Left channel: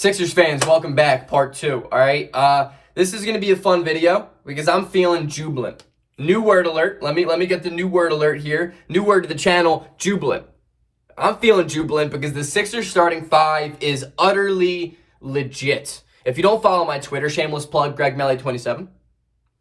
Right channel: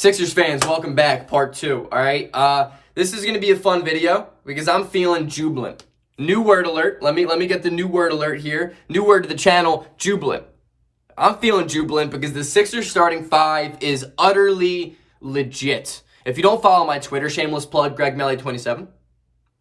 Sixers fans, welcome back, part 2, all right? This is going to be a fun video because I'm feeling jubilant. New word alert. Let me get the new word alert here. New word to the channel, jubilant. I'm feeling jubilant because the Sixers starting 5 is utterly legit. If you don't follow my Twitter, shameless plug, gregmelly27,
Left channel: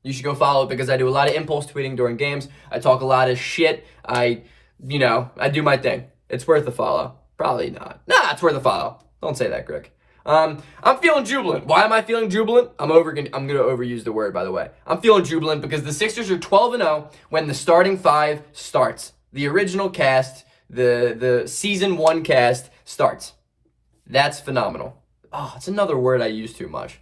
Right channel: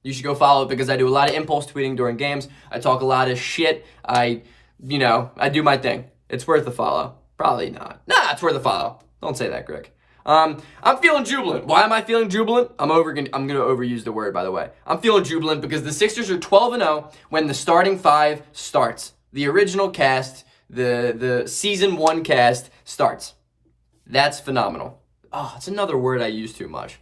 you should go follow it because I do a lot of impulse tweeting during games. I talk a lot of shit. I do my thing. It's worth a follow. Probably not. Nah, it's worth a follow. Don't say that, Greg. I'm feeling jubilant. Why am I feeling jubilant? I'm going to overuse the word, by the way. I'm feeling jubilant because the Sixers are 12-0 when the starting 5 starts. The original cast, the season 1 cast starts. That's phenomenal. Oh, it's another word I use too much.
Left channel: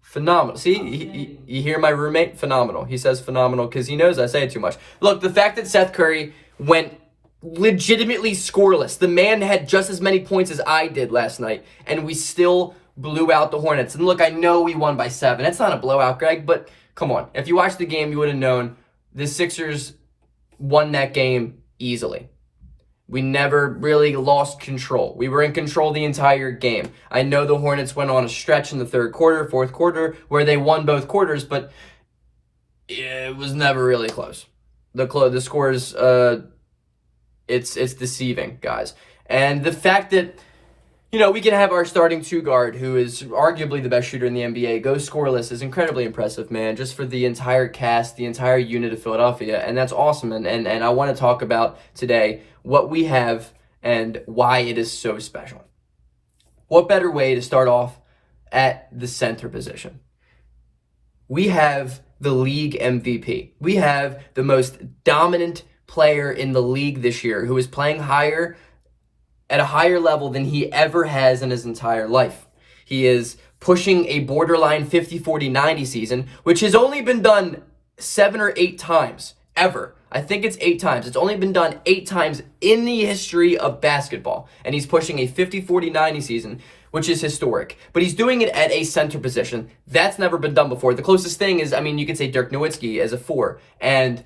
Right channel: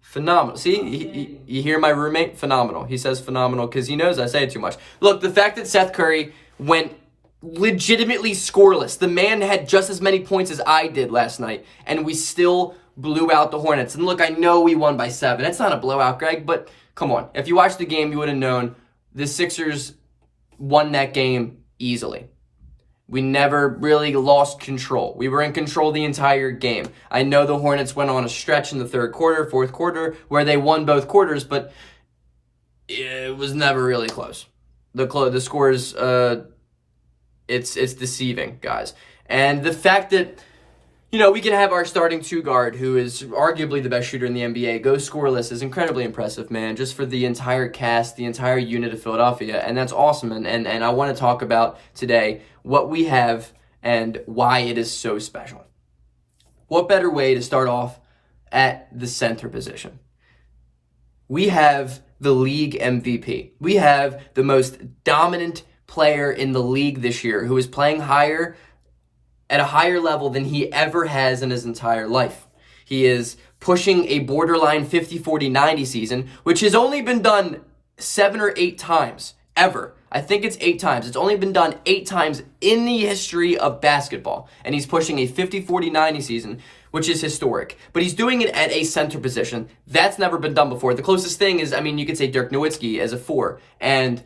Phenomenal. See, you hear my roommate? Phenomenal. He says phenomenal because he knows I say it too much. Look, the fact that Seth Curry went legitimately scoreless. The man had just as many points as I did last night, and we still blew out the Hornets. And look, I know we won by 7. It's not a blowout, Greg, but come on. If you watched the game, you would have known the Sixers won that game easily. We never really lost control. We were in control the entire game. I know the Hornets went on a stretch in the third quarter, fourth quarter, where they won both quarters, but it was never really close. The scores, it's deceiving, guys. And the fact that, we can have our starting 2 guard, who is arguably the best shooter in the NBA, go scoreless is incredibly impressive, man, just for the entire cast, the entire unit of Philadelphia. And that's awesome. And I want to talk about today what we have and why it is so special. What better way to start off at the center position? We have the league MVP. We have the most dominant player in the league this year who is playing at a higher level than he ever has in his entire life. He is pushing a borderline 50-40-90 season, which has only been done 7 or 8 times ever. I think it's 8 times. It's only been done 8 times in the history of basketball. And he's pushing a 50-40-90 season, which is historic. But he's doing it at a center position. That's never been done before. The closest thing is, you could say Dirk Nowitzki as a 4. And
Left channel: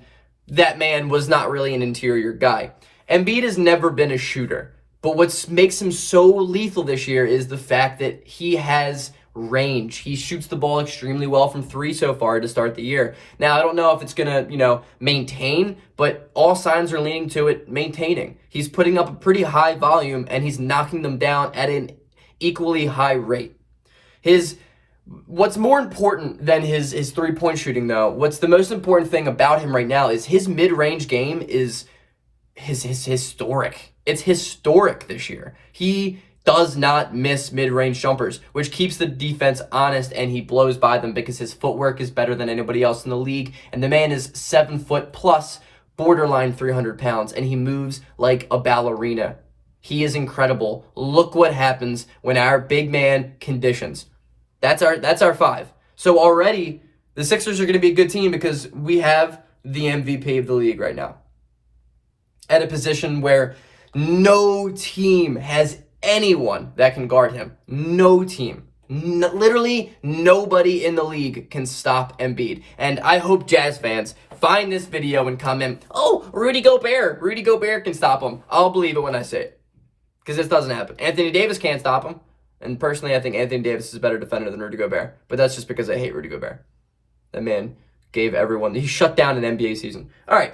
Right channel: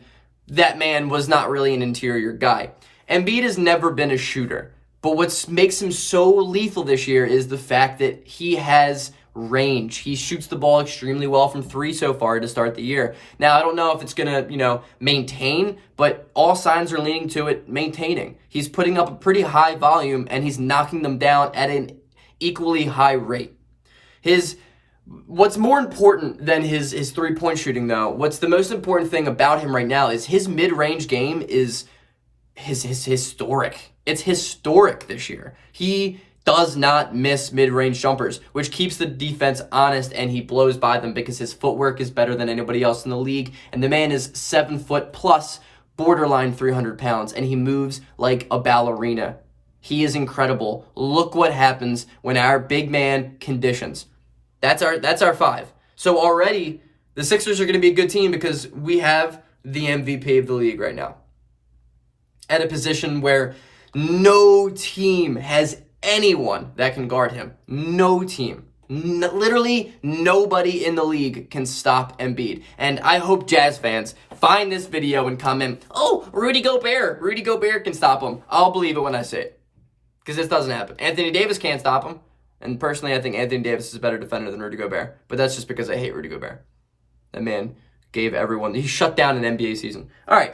that man was not really an interior guy. Embiid has never been a shooter. But what makes him so lethal this year is the fact that he has range. He shoots the ball extremely well from 3 so far to start the year. Now, I don't know if it's going to, maintain, but all signs are leaning to it maintaining. He's putting up a pretty high volume, and he's knocking them down at an equally high rate. What's more important than his 3-point shooting, though, what's the most important thing about him right now is his mid-range game is historic. It's historic this year. He does not miss mid-range jumpers, which keeps the defense honest, and he blows by them because his footwork is better than anybody else in the league, and the man is 7 foot plus, borderline 300 pounds, and he moves like a ballerina. He is incredible. Look what happens when our big man conditions. That's our 5. So already, the Sixers are going to be a good team because we have the MVP of the league right now at a position where no team has anyone that can guard him. No team. Literally nobody in the league can stop Embiid. And I hope Jazz fans find this video and comment, "Oh, Rudy Gobert. Rudy Gobert can stop him." I'll believe it when I say it. Because this doesn't happen. Anthony Davis can't stop him. And personally, I think Anthony Davis is a better defender than Rudy Gobert. But that's just because I hate Rudy Gobert. That man he shut down an NBA season. All right.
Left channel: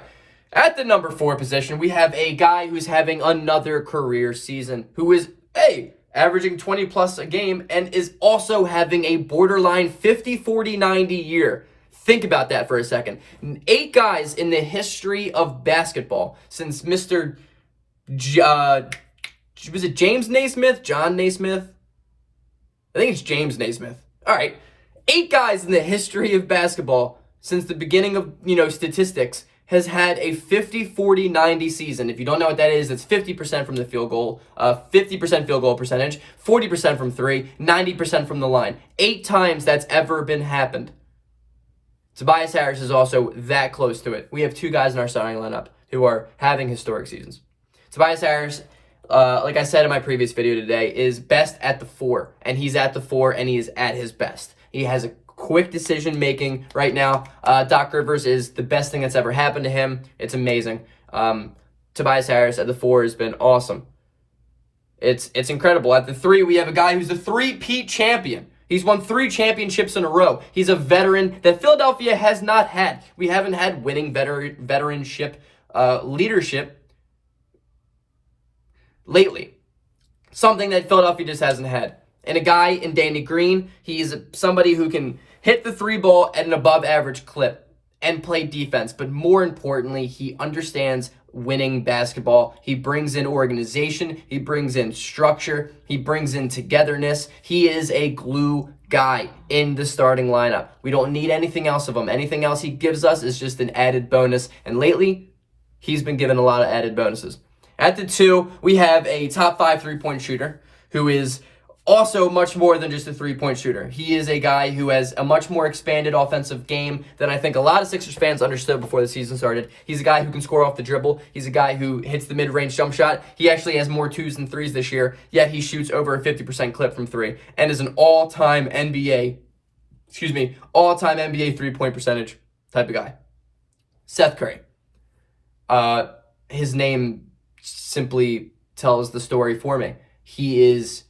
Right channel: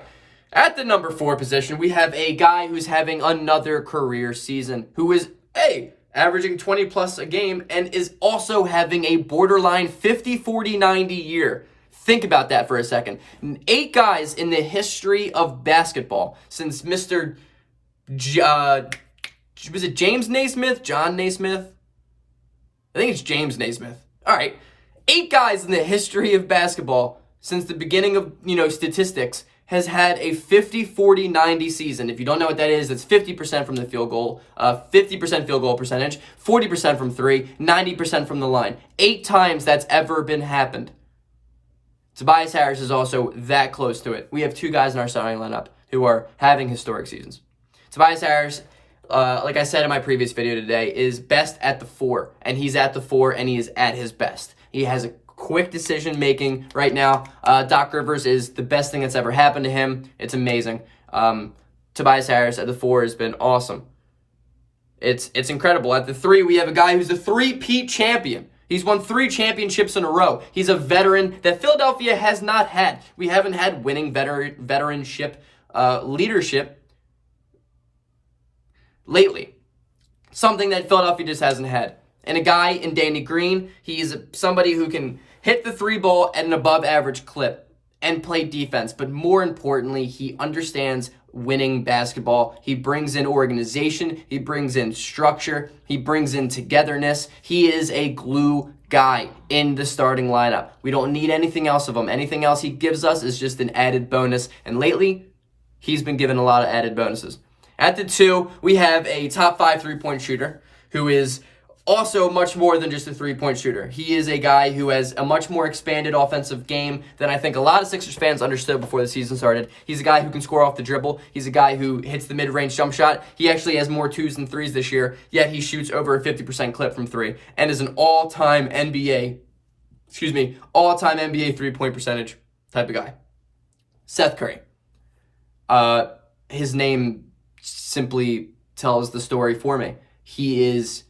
At the number 4 position, we have a guy who's having another career season, who is, averaging 20 plus a game and is also having a borderline 50-40-90 year. Think about that for a second. 8 guys in the history of basketball since Mr. Was it James Naismith? John Naismith? I think it's James Naismith. All right. 8 guys in the history of basketball since the beginning of, statistics has had a 50-40-90 season. If you don't know what that is, it's 50% from the field goal, 50% field goal percentage, 40% from 3, 90% from the line. 8 times that's ever been happened. Tobias Harris is also that close to it. We have 2 guys in our starting lineup who are having historic seasons. Tobias Harris, like I said in my previous video today, is best at the 4, and he's at the 4, and he is at his best. He has a quick decision making right now. Doc Rivers is the best thing that's ever happened to him. It's amazing. Tobias Harris at the 4 has been awesome. It's incredible. At the 3, we have a guy who's a 3-peat champion. He's won 3 championships in a row. He's a veteran that Philadelphia has not had. We haven't had winning veteranship leadership lately. Something that Philadelphia just hasn't had. And a guy in Danny Green, he's somebody who can hit the 3 ball at an above average clip and play defense. But more importantly, he understands winning basketball. He brings in organization. He brings in structure. He brings in togetherness. He is a glue guy in the starting lineup. We don't need anything else of him. Anything else he gives us is just an added bonus. And lately, he's been given a lot of added bonuses. At the 2, we have a top 5 3-point shooter who is also much more than just a 3-point shooter. He is a guy who has a much more expanded offensive game than I think a lot of Sixers fans understood before the season started. He's a guy who can score off the dribble. He's a guy who hits the mid-range jump shot. He actually has more 2s than 3s this year, yet he shoots over a 50% clip from 3 and is an all-time NBA 3-point percentage type of guy. Seth Curry. His name simply tells the story for me. He is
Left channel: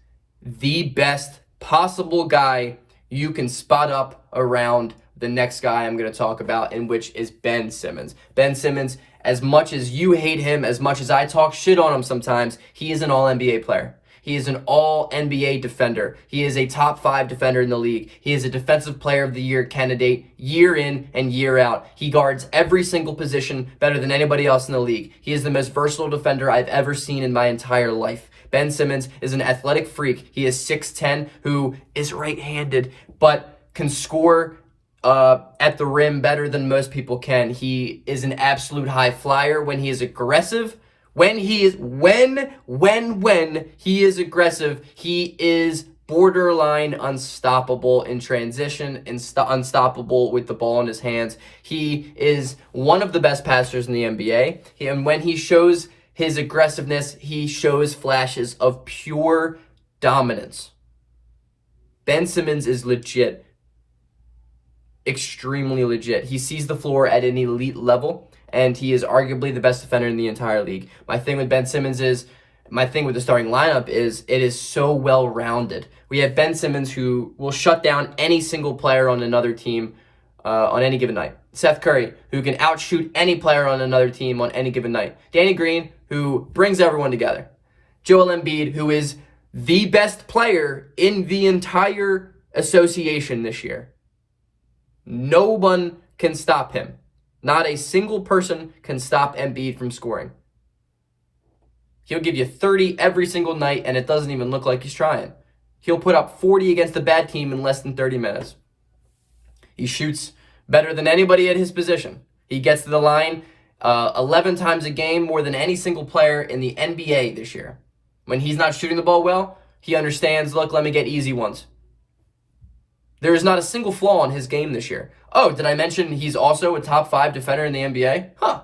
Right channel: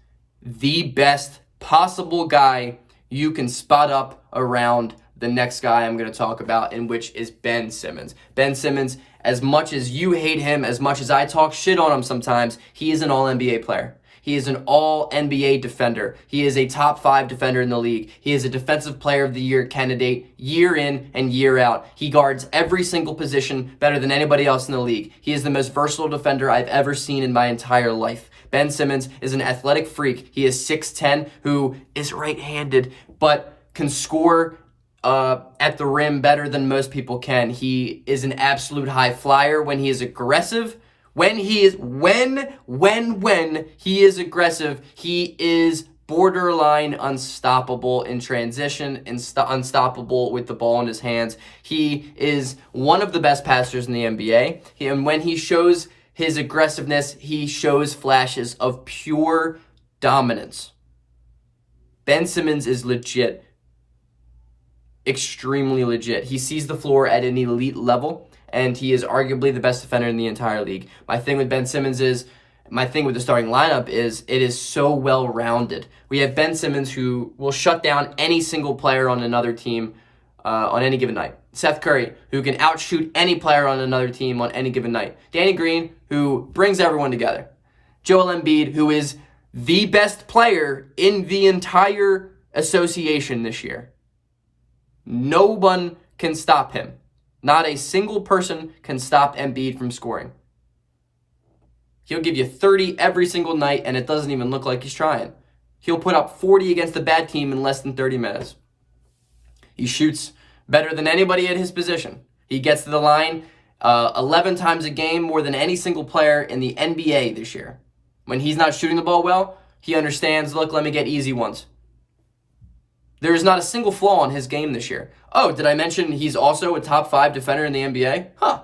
the best possible guy you can spot up around the next guy I'm going to talk about, in which is Ben Simmons. Ben Simmons, as much as you hate him, as much as I talk shit on him sometimes, he is an all-NBA player. He is an all-NBA defender. He is a top 5 defender in the league. He is a defensive player of the year candidate year in and year out. He guards every single position better than anybody else in the league. He is the most versatile defender I've ever seen in my entire life. Ben Simmons is an athletic freak. He is 6'10", who is right-handed, but can score at the rim better than most people can. He is an absolute high flyer when he is aggressive. When he is aggressive, he is borderline unstoppable in transition, unstoppable with the ball in his hands. He is one of the best passers in the NBA. And when he shows his aggressiveness, he shows flashes of pure dominance. Ben Simmons is legit. Extremely legit. He sees the floor at an elite level, and he is arguably the best defender in the entire league. My thing with Ben Simmons is, my thing with the starting lineup is, it is so well-rounded. We have Ben Simmons, who will shut down any single player on another team on any given night. Seth Curry, who can outshoot any player on another team on any given night. Danny Green, who brings everyone together. Joel Embiid, who is the best player in the entire association this year. No one can stop him. Not a single person can stop Embiid from scoring. He'll give you 30 every single night, and it doesn't even look like he's trying. He'll put up 40 against a bad team in less than 30 minutes. He shoots better than anybody at his position. He gets to the line 11 times a game, more than any single player in the NBA this year. When he's not shooting the ball well, he understands, look, let me get easy ones. There is not a single flaw in his game this year. Oh, did I mention he's also a top 5 defender in the NBA? Huh.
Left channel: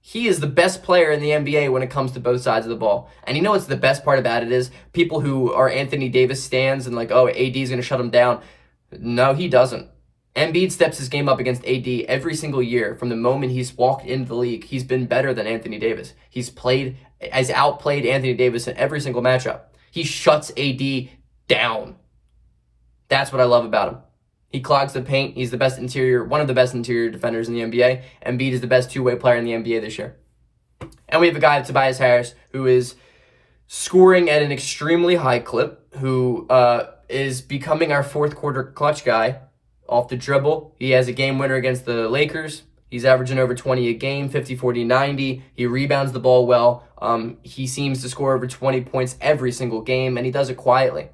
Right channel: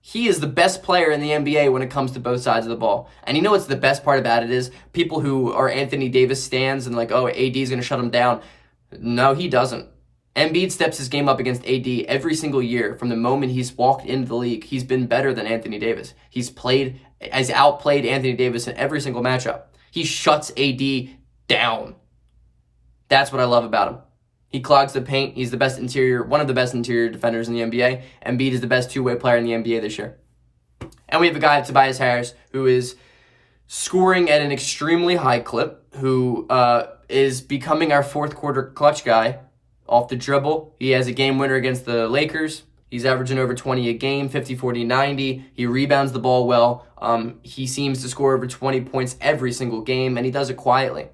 He is the best player in the NBA when it comes to both sides of the ball. And you know what's the best part about it is? People who are Anthony Davis stans and like, oh, AD's going to shut him down. No, he doesn't. Embiid steps his game up against AD every single year. From the moment he's walked into the league, he's been better than Anthony Davis. Has outplayed Anthony Davis in every single matchup. He shuts AD down. That's what I love about him. He clogs the paint. He's the best one of the best interior defenders in the NBA. Embiid is the best two-way player in the NBA this year. And we have a guy, Tobias Harris, who is scoring at an extremely high clip, who is becoming our fourth quarter clutch guy off the dribble. He has a game winner against the Lakers. He's averaging over 20 a game, 50, 40, 90. He rebounds the ball well. He seems to score over 20 points every single game, and he does it quietly.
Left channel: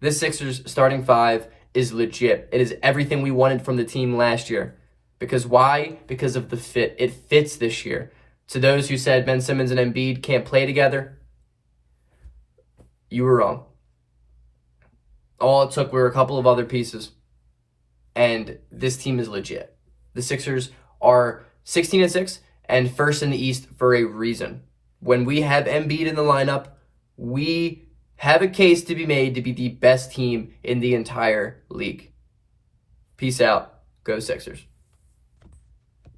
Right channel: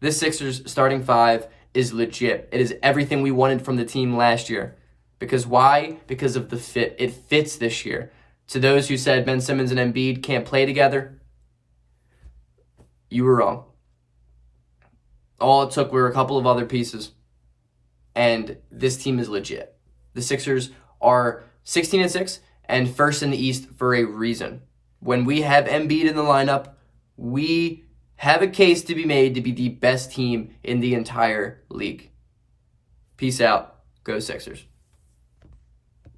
This Sixers starting 5 is legit. It is everything we wanted from the team last year. Because why? Because of the fit. It fits this year. To those who said Ben Simmons and Embiid can't play together, you were wrong. All it took were a couple of other pieces, and this team is legit. The Sixers are 16-6 and first in the East for a reason. When we have Embiid in the lineup, we have a case to be made to be the best team in the entire league. Peace out. Go Sixers.